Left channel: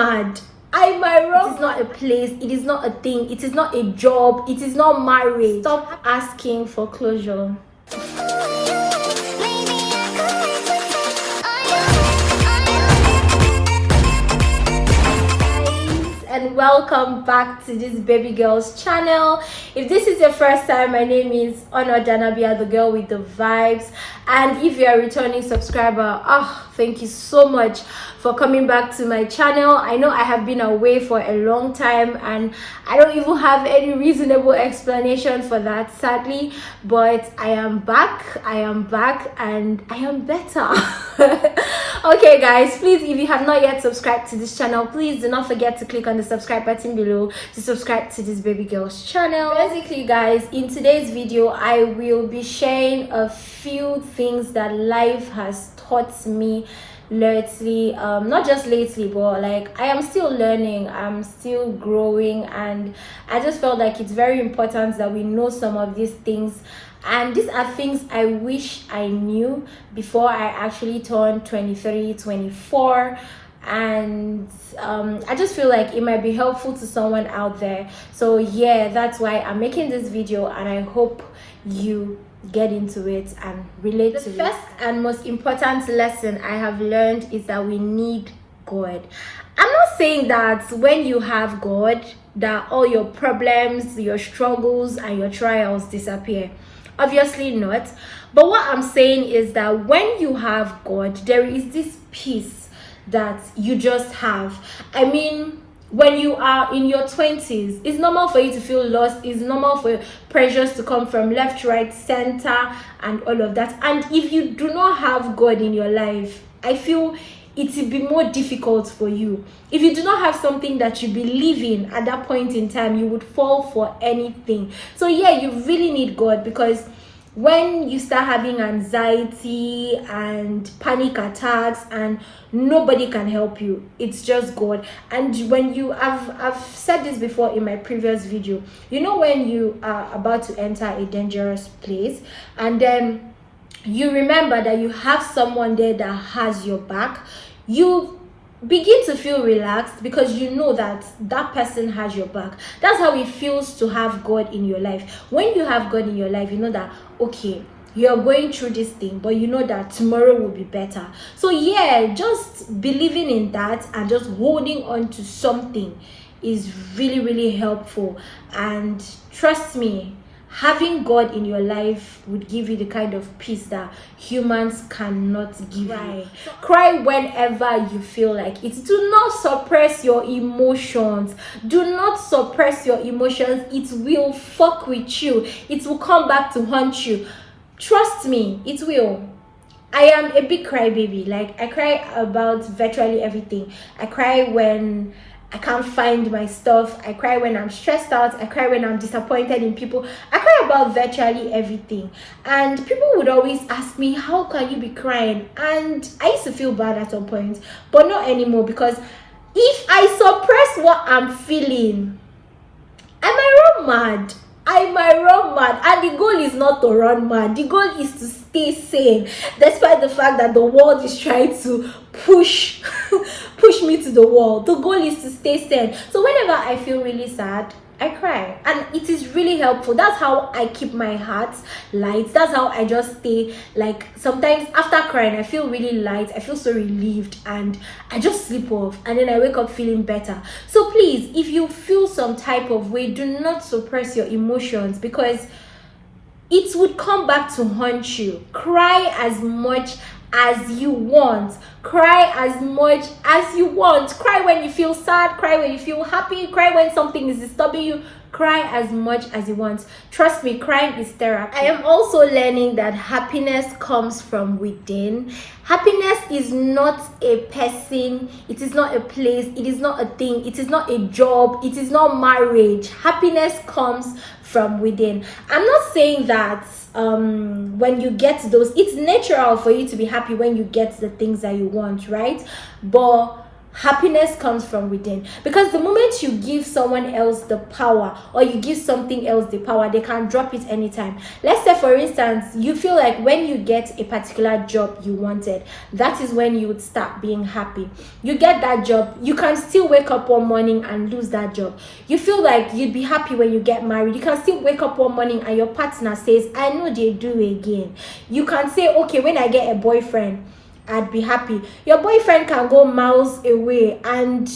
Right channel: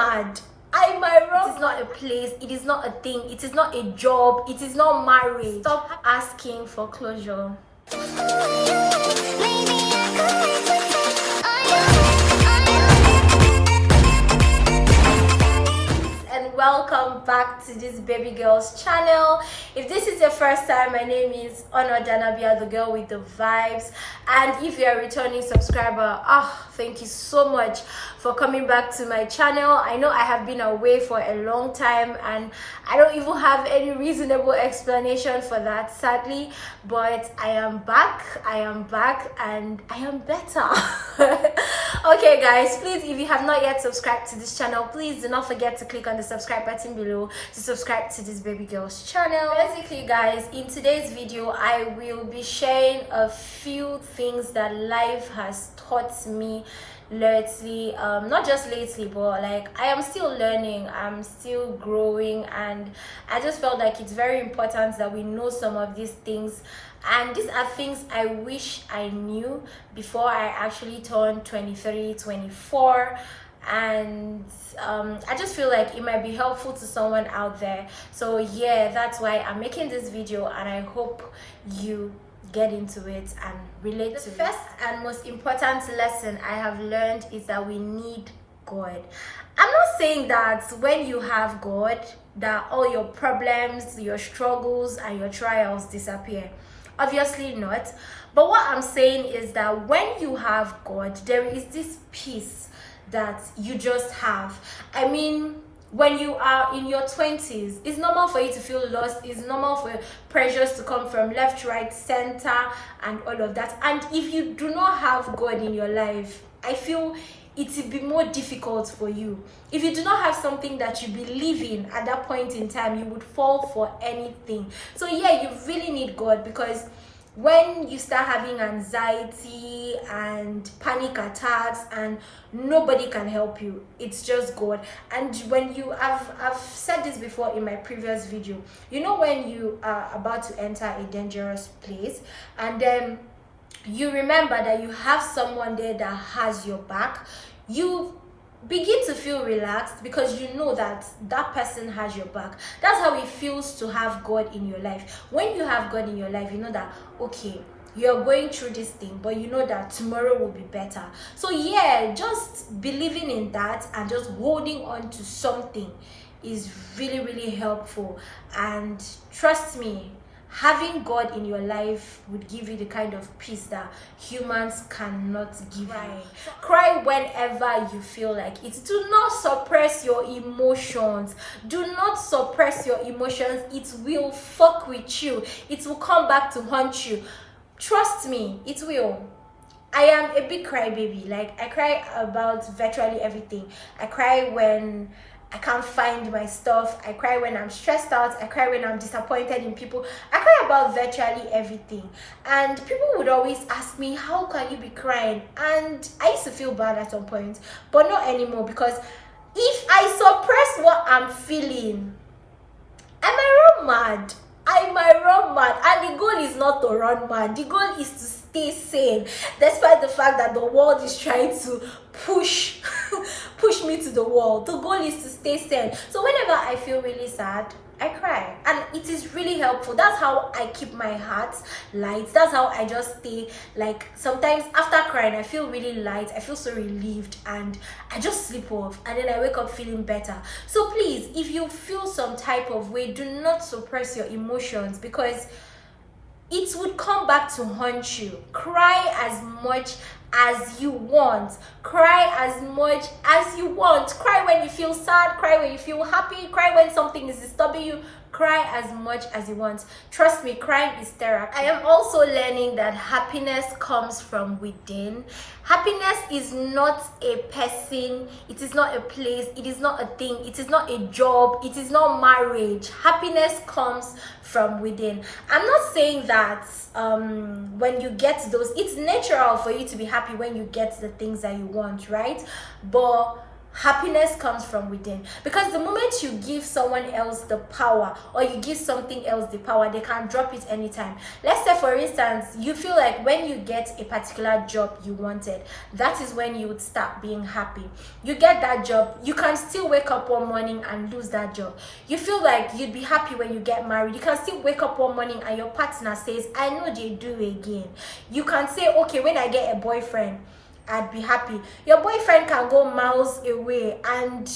mad? Am I wrong? It is not a place, it is not a thing, it is not a job, it is not marriage. Stop asking for closure. And welcome back to this baby girl's channel. If this is your first time, my name is Honor Danabia, the girl with the vibes. And if you're a returning subscriber, thank you so much for coming back to my channel. I know I have been away for a long time and I don't even have any reasonable explanation for that, sadly, but I am back and I am better. Okay guys, please, if you have not yet subscribed to this channel, please do not forget to click on the subscribe button below to subscribe to this baby girl's channel. Basically guys, in today's video I will be sharing a few things that life has taught me lately, not just lately, but like I am still learning, I'm still growing, and I just felt like it's very important that we know some of these things. And these are things I wish I knew before I actually turned 23, 24. And I just feel like it might be helpful to someone out there. So yeah, that's why I'm making this video, and I hope you get into it and relate to it. The first and most important lesson I have learned is that we need God. I'm not saying that when you have God that all your problems, your struggles and your trials disappear. Obviously not. But what I'm saying is that when you have God, there is this peace that you just have. I mean, when you are in your 20s, it's normal for you to feel lost. It's normal for pressures to come from left, right, center, and all of that. And if you do not have God in your life, I feel it will be more difficult for you. If you do not have something that you believe in at that point in time, you would fall for anything. So yeah, you really need God, because when you start having anxiety and panic attacks and nobody can help you, it's just God. And when you I've said this before in my previous video, you know, when you are about to enter a dangerous place and then you remember that you have someone there that has your back, you begin to feel relaxed because you know that that person has your back. That's how it feels to have God in your life. When you have God in your life, you know that, okay, you're going through this thing, but you know that tomorrow will be better. So yeah, just believing in that and just holding on to something is really, really helpful. And trust me, having God in your life would give you the kind of peace that humans cannot give you. Cry whenever you feel like it. Do not suppress your emotions. Do not suppress your emotions. It will fuck with you. It will come back to haunt you. Trust me, it will. I am a big crybaby. Like, I cry about virtually everything. I cry when I can't find my stuff. I cry when I'm stressed out. I cry when I'm disappointed in people. I cry about virtually everything. And people would always ask me, how can you be crying? And I used to feel bad at some point, but not anymore, because if I suppress what I'm feeling, am I wrong mad? Am I wrong mad? And the goal is not to run mad. The goal is to stay sane, despite the fact that the world is trying to push me to the wall. The goal is to stay sane. So whenever I feel really sad, I cry, and it is really helpful. That's how I keep my heart light. That's how I just stay, like, sometimes after crying I feel really light, I feel so relieved, and I just sleep off, and then I wake up feeling better. So please, if you feel some type of way, do not suppress your emotions, because it would come back to haunt you. Cry as much as you want. Cry as much as you want. Cry when you feel sad, cry when you feel happy, cry when something is disturbing you. Cry as much as you want. Trust me, crying is therapy. I am also learning that happiness comes from within. Happiness is not a person, it is not a place, it is not a thing, it is not a job, it is not marriage. Happiness comes from within. I'm not saying that when you get those, it's natural for you to be happy when you get the things that you want, right? But happiness comes from within, because the moment you give someone else the power, or you give something else the power, they can drop it anytime. Let's say, for instance, you feel like when you get a particular job you wanted, that is when you would start being happy. You get that job, you can still wake up one morning and lose that job. You feel like you'd be happy when you get married, you can still wake up one morning and your partner says, I know they do again. You can say, okay, when I get a boyfriend, I'd be happy. Your boyfriend can go miles away, and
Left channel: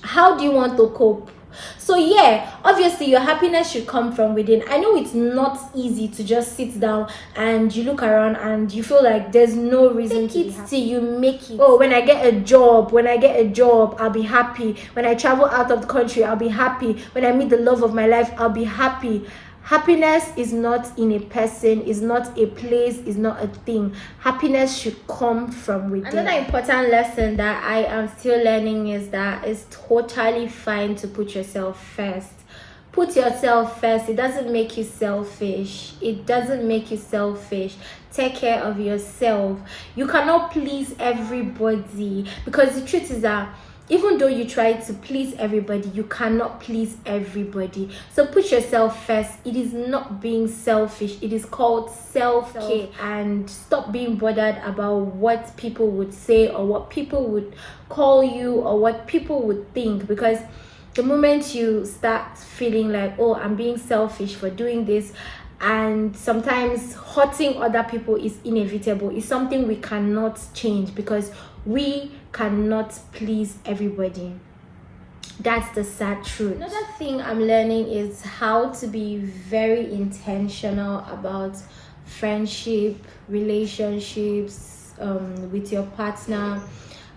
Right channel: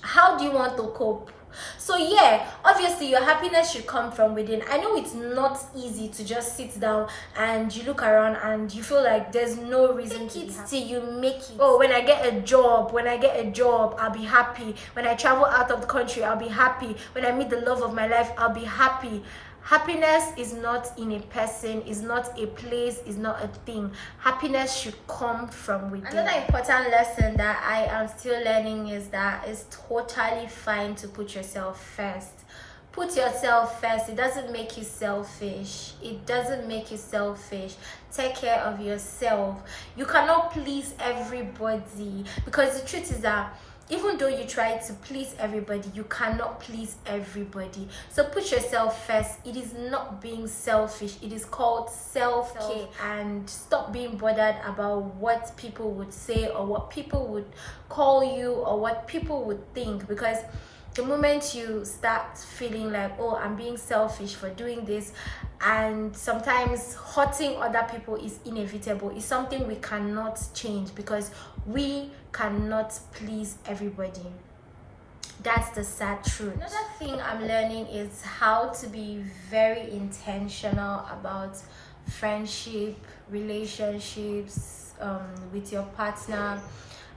how do you want to cope? So yeah, obviously your happiness should come from within. I know it's not easy to just sit down and you look around and you feel like there's no reason to be happy. Till you make it. Oh, when I get a job, I'll be happy. When I travel out of the country, I'll be happy. When I meet the love of my life, I'll be happy. Happiness is not in a person, is not a place, is not a thing. Happiness should come from within. Another important lesson that I am still learning is that it's totally fine to put yourself first. Put yourself first. It doesn't make you selfish. It doesn't make you selfish. Take care of yourself. You cannot please everybody, because the truth is that even though you try to please everybody, you cannot please everybody. So put yourself first. It is not being selfish. It is called self-care. And stop being bothered about what people would say, or what people would call you, or what people would think. Because the moment you start feeling like, oh, I'm being selfish for doing this, and sometimes hurting other people is inevitable, it's something we cannot change, because we cannot please everybody. That's the sad truth. Another thing I'm learning is how to be very intentional about friendship, relationships, with your partner,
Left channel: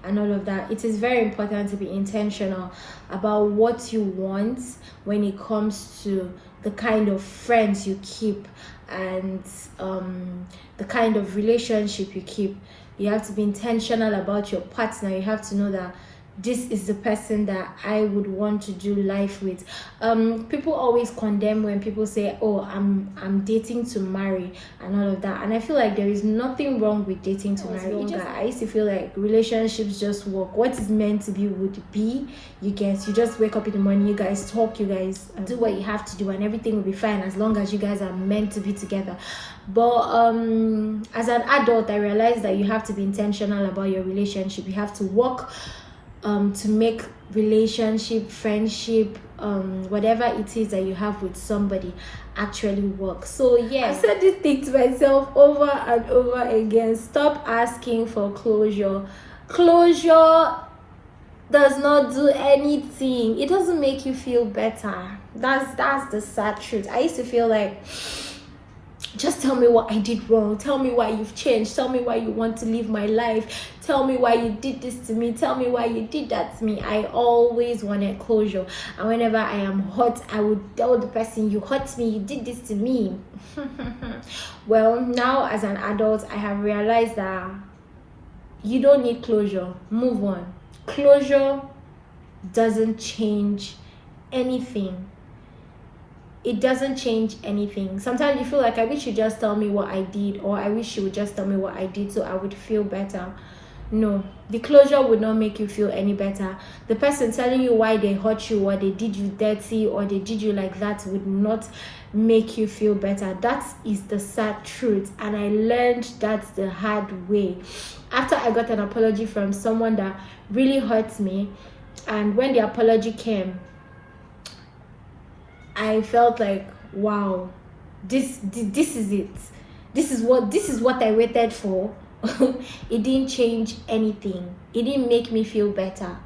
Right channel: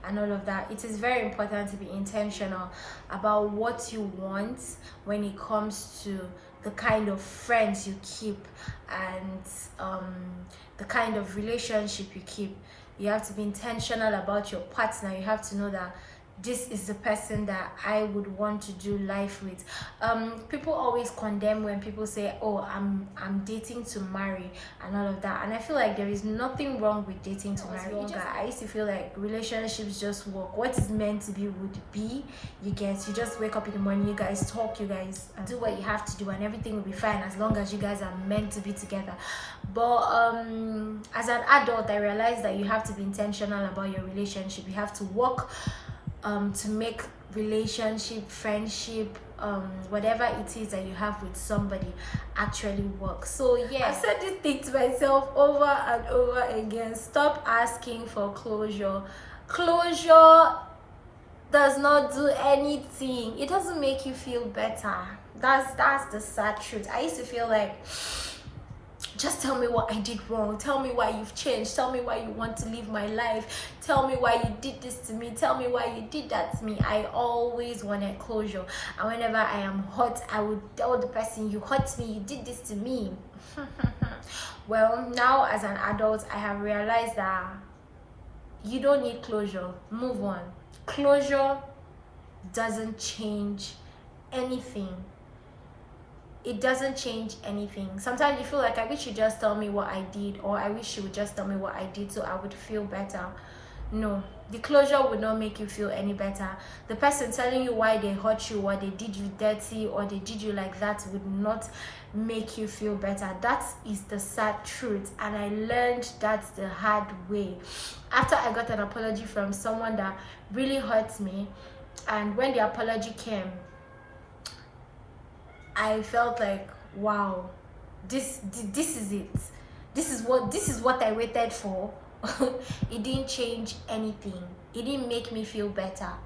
and all of that. It is very important to be intentional about what you want when it comes to the kind of friends you keep, and the kind of relationship you keep. You have to be intentional about your partner. You have to know that this is the person that I would want to do life with. People always condemn when people say, oh, I'm dating to marry and all of that, and I feel like there is nothing wrong with dating to marry. I used to feel like relationships just work. What is meant to be would be. You just wake up in the morning, you guys talk, you guys do what you have to do, and everything will be fine as long as you guys are meant to be together. But as an adult, I realized that you have to be intentional about your relationship. You have to work to make relationship, friendship, whatever it is that you have with somebody actually work. So yeah, I said this thing to myself over and over again. Stop asking for closure. Closure does not do anything. It doesn't make you feel better. That's the sad truth. I used to feel like, just tell me what I did wrong. Tell me why you've changed. Tell me why you want to live my life. Tell me why you did this to me. Tell me why you did that to me. I always wanted closure. And whenever I am hurt, I would tell the person, you hurt me, you did this to me. Well, now as an adult, I have realized that you don't need closure. Move on. Closure doesn't change anything. It doesn't change anything. Sometimes you feel like, I wish you just tell me what I did, or I wish you would just tell me what I did so I would feel better. No, the closure would not make you feel any better. The person telling you why they hurt you, or they did you dirty, or they did you like that would not make you feel better. That is the sad truth, and I learned that the hard way. After I got an apology from someone that really hurt me, and when the apology came, I felt like, wow, this is it. This is what I waited for. It didn't change anything. It didn't make me feel better.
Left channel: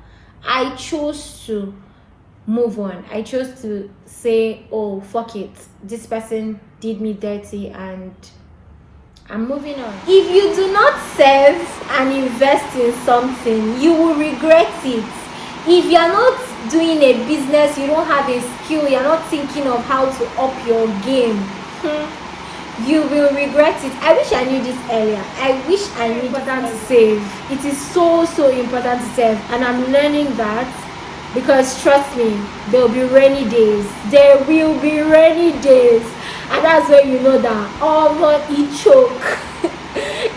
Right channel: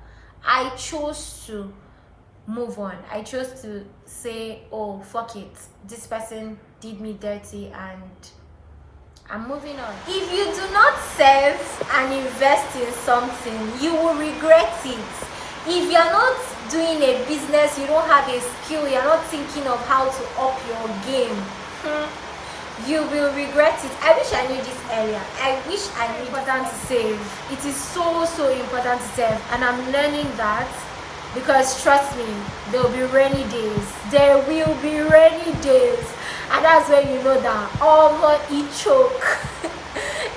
I chose to move on. I chose to say, oh, fuck it. This person did me dirty and I'm moving on. If you do not save and invest in something, you will regret it. If you're not doing a business, you don't have a skill, you're not thinking of how to up your game, you will regret it. I wish I knew this earlier. I wish I knew. It's important to save. It is so important to save, and I'm learning that, because trust me, there will be rainy days. There will be rainy days, and that's when you know that all it choke.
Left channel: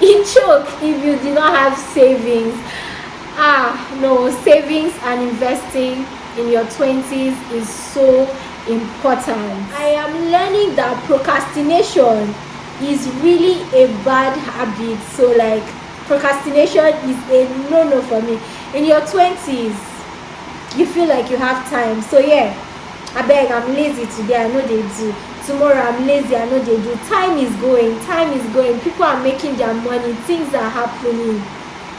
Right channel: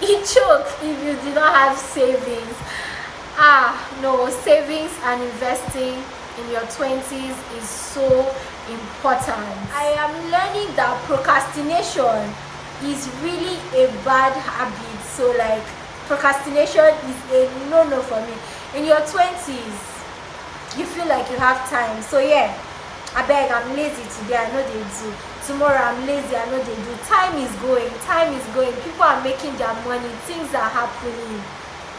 It choke if you do not have savings. No, savings and investing in your 20s is so important. I am learning that procrastination is really a bad habit. So like procrastination is a no for me. In your 20s, you feel like you have time. So yeah, I beg, I'm lazy today, I know they do. Tomorrow I'm lazy, I know they do. Time is going. People are making their money, things are happening,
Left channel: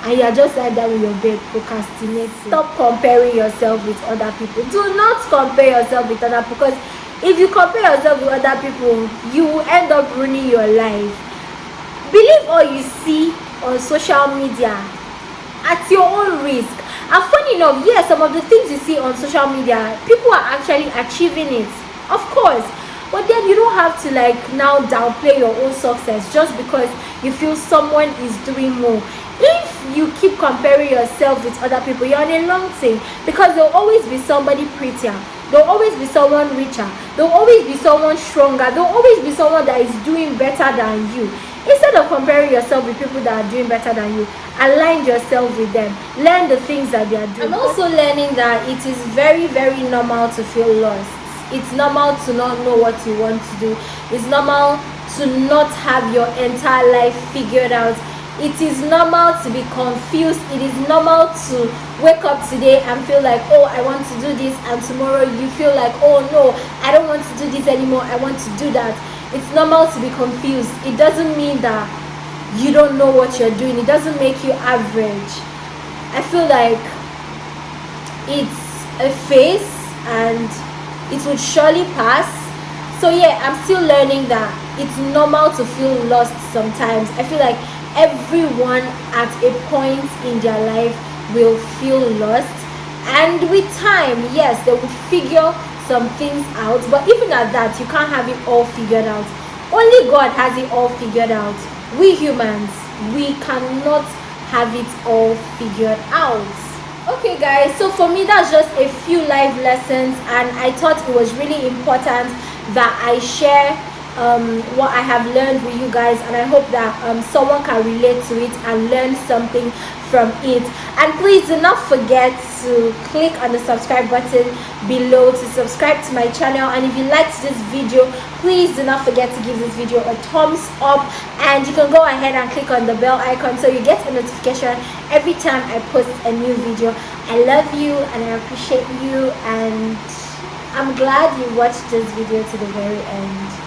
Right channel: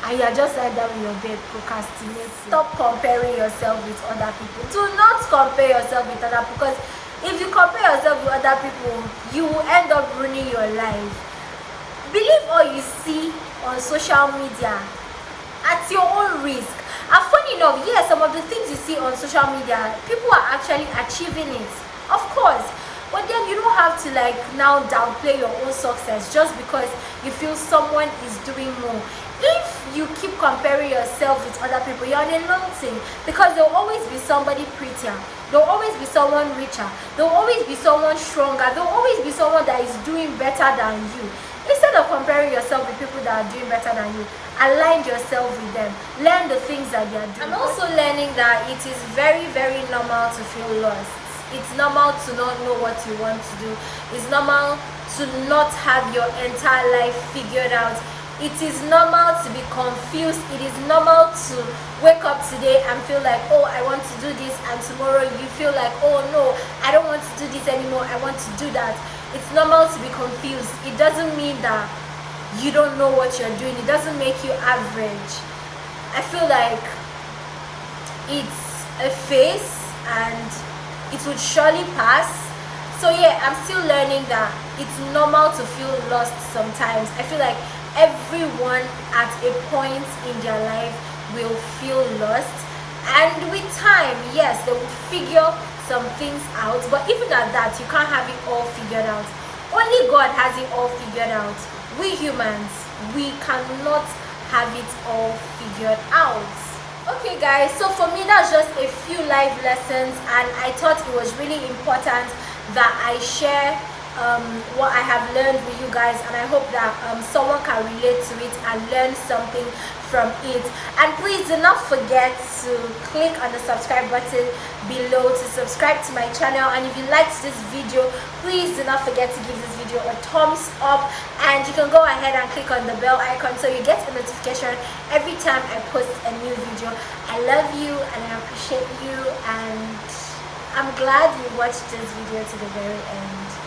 and you're just like that with your bed procrastinating. Stop comparing yourself with other people. Do not compare yourself with other people, because if you compare yourself with other people, you will end up ruining your life. Believe all you see on social media at your own risk. And funny enough, yes, some of the things you see on social media, people are actually achieving it, of course. But then you don't have to like now downplay your own success just because you feel someone is doing more. If you keep comparing yourself with other people, you're on a long thing, because there'll always be somebody prettier, there'll always be someone richer, there'll always be someone stronger, there'll always be someone that is doing better than you. Instead of comparing yourself with people that are doing better than you, align yourself with them. Learn the things that they are doing. I'm also learning that it is very, very normal to feel lost. It's normal to not know what you want to do. It's normal to not have your entire life figured out. It is normal to be confused. It is normal to wake up today and feel like, oh, I want to do this, and tomorrow you feel like, oh no, I don't want to do this anymore, I want to do that. It's normal to be confused. It doesn't mean that you don't know what you're doing. It doesn't make you average. I feel like it's a phase and it would surely pass. So yeah, I'm still learning that it's normal to feel lost sometimes. I feel like everyone at a point in their life will feel lost, and with time, yes, they will figure some things out, but even at that, you can't have it all figured out. Only God has it all figured out. We humans, we cannot have it all figured out. Okay guys, so for me that's just a few life lessons, and I thought it was really important that I share what I have learned with you guys, and I hope that someone can relate to it and learn something from it. And please do not forget to click on the subscribe button below to subscribe to my channel, and if you liked this video, please do not forget to give this video a thumbs up, and you can go ahead and click on the bell icon so you get a notification every time I post a new video. I love you and I appreciate you, and I'm glad you watched this video to the very end.